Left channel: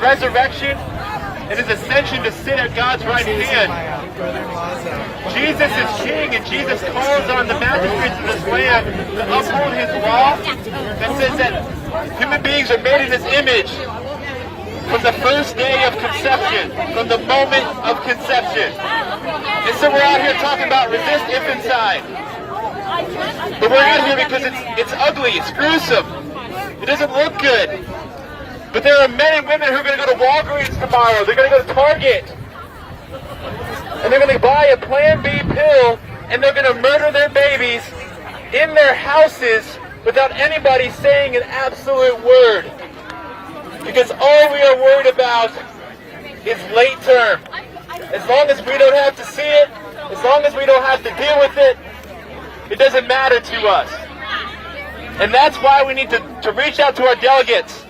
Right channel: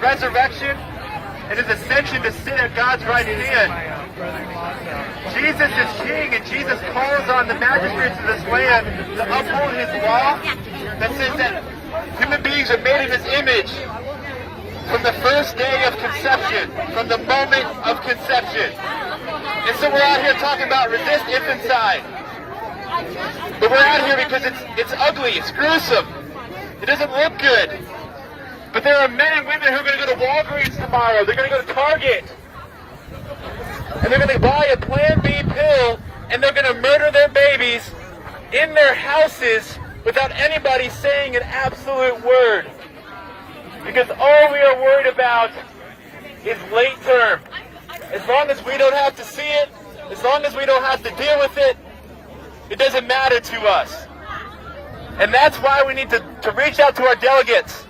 resurrection, and his ascension to sit at God's right hand. Jesus is king, and Jesus calls on the magistrates of this land to uphold his law that says that human beings are made in his image from the first day of conception, from the moment of conception. And so we're out here talking about resist infanticide. But we're out here because it's ugly, it's gruesome. It doesn't look good. But there are men and women who are going to go to Walgreens tomorrow. They're going to go to Target. And they're going to buy a Plan B pill, and they're going to murder their babies in their houses without anybody saying an absolute word. Because all we are worried about is late term. As long as we don't have to see it, as long as we don't have to deal with it, it doesn't matter to us. And that's why we need to reach out to our delegates,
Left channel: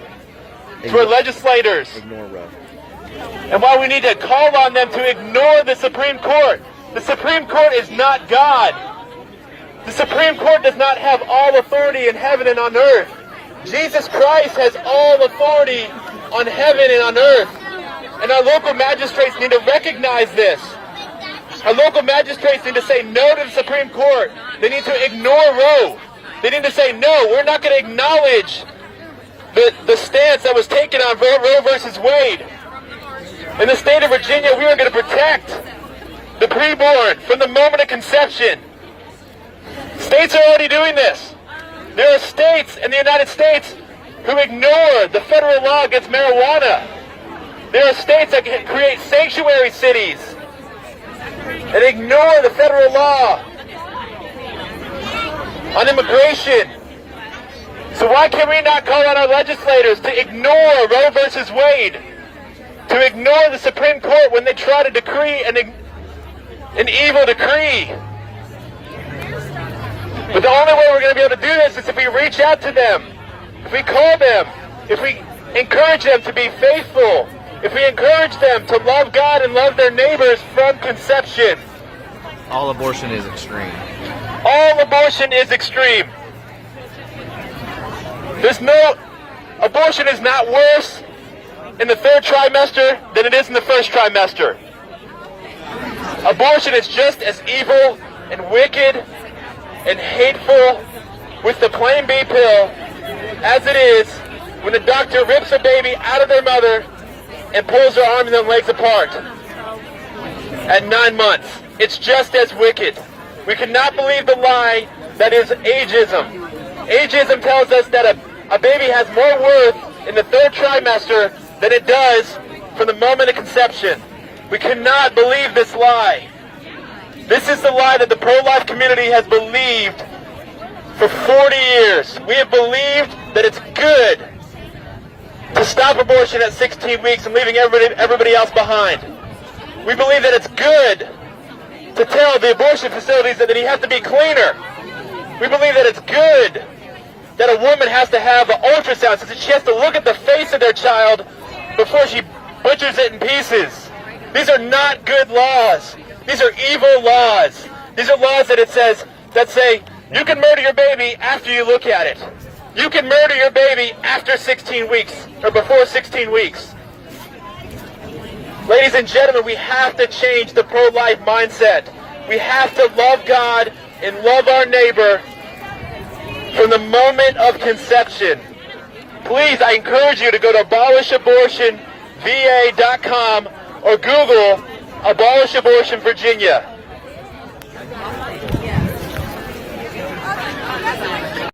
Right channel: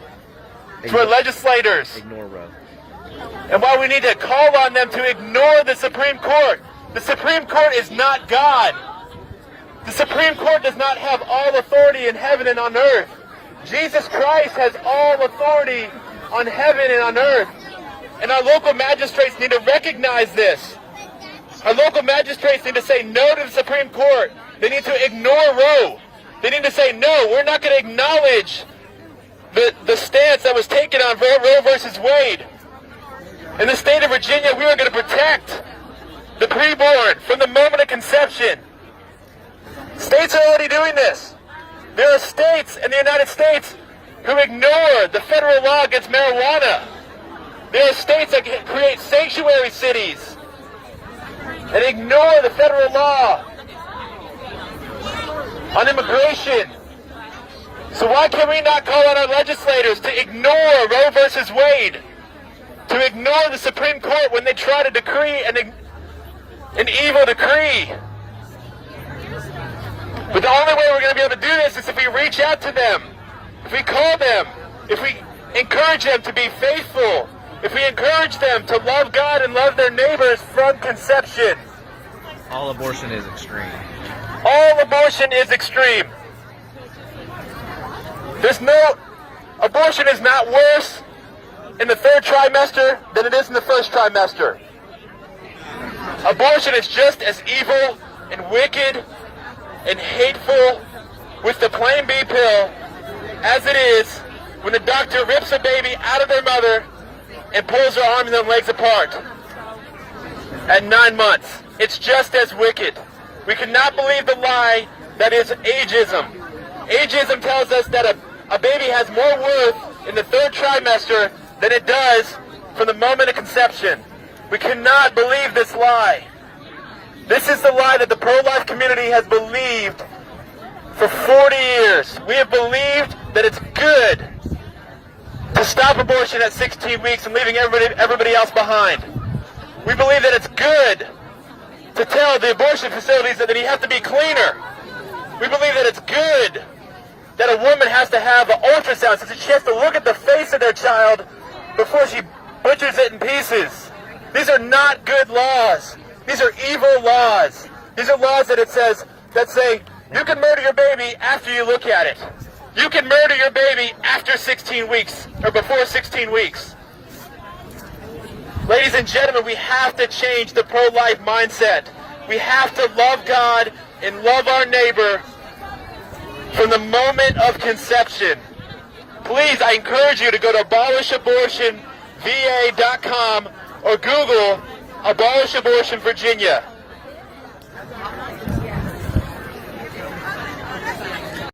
to our legislators, and why we need to call on them to ignore the Supreme Court. The Supreme Court is not God. The Supreme Court does not have all authority in heaven and on earth. Jesus Christ has all authority on heaven and on earth. And our local magistrates need to recognize this. Our local magistrates need to say no to the Supreme Court. They need to ignore Roe. They need to say, no, we're not going to acknowledge the stance that was taken on Roe versus Wade. In the state of Virginia, we are going to protect the preborn from the moment of conception. States are already doing this. There are states in the United States who ignore the federal law against marijuana. There are states that create sanctuary cities and ignore the federal law on immigration. So why can we not call on our legislators to ignore Roe versus Wade, to ignore the Supreme Court when they try to decree an evil decree? But the only way we're going to be able to do this is if we reach out to them, if we call them, if we encourage them to be faithful, if we encourage them to love God and love their neighbors from conception. All abortion is extreme. All abortion is extreme. Abortion is not worse in the third trimester than it is in the first trimester. Abortion is just as evil and wicked and hateful with the Plan B pill as it is when the doctor rips a baby out of their mother and pulls their arms and their legs apart at 9 months. It's just as wicked. We cannot believe the lie that is ageism. Ageism tells us that a baby has more worth in the third trimester than it does from the moment of conception. We cannot believe this lie. This is the lie that the pro-life community has believed for 40 years. We have believed that it's good to stop abortion at 16 weeks and leaving everybody else behind. We believe that it's good to tell the abortion facilities that you have to be cleaner. We believe that it's good that a woman has to have an ultrasound, so she has to look at the face of their child before she butchers it in pieces. These are not good laws. These are evil laws. These are laws that say you can murder your baby after you look at it. You can murder your baby after 16 weeks or before 16 weeks. Ladies and gentlemen, we have to change the pro-life mindset. We have to love God and love our neighbor from the moment of conception. Please, I encourage you to go to abolishabortionva.com or Google Abolish Abortion Virginia.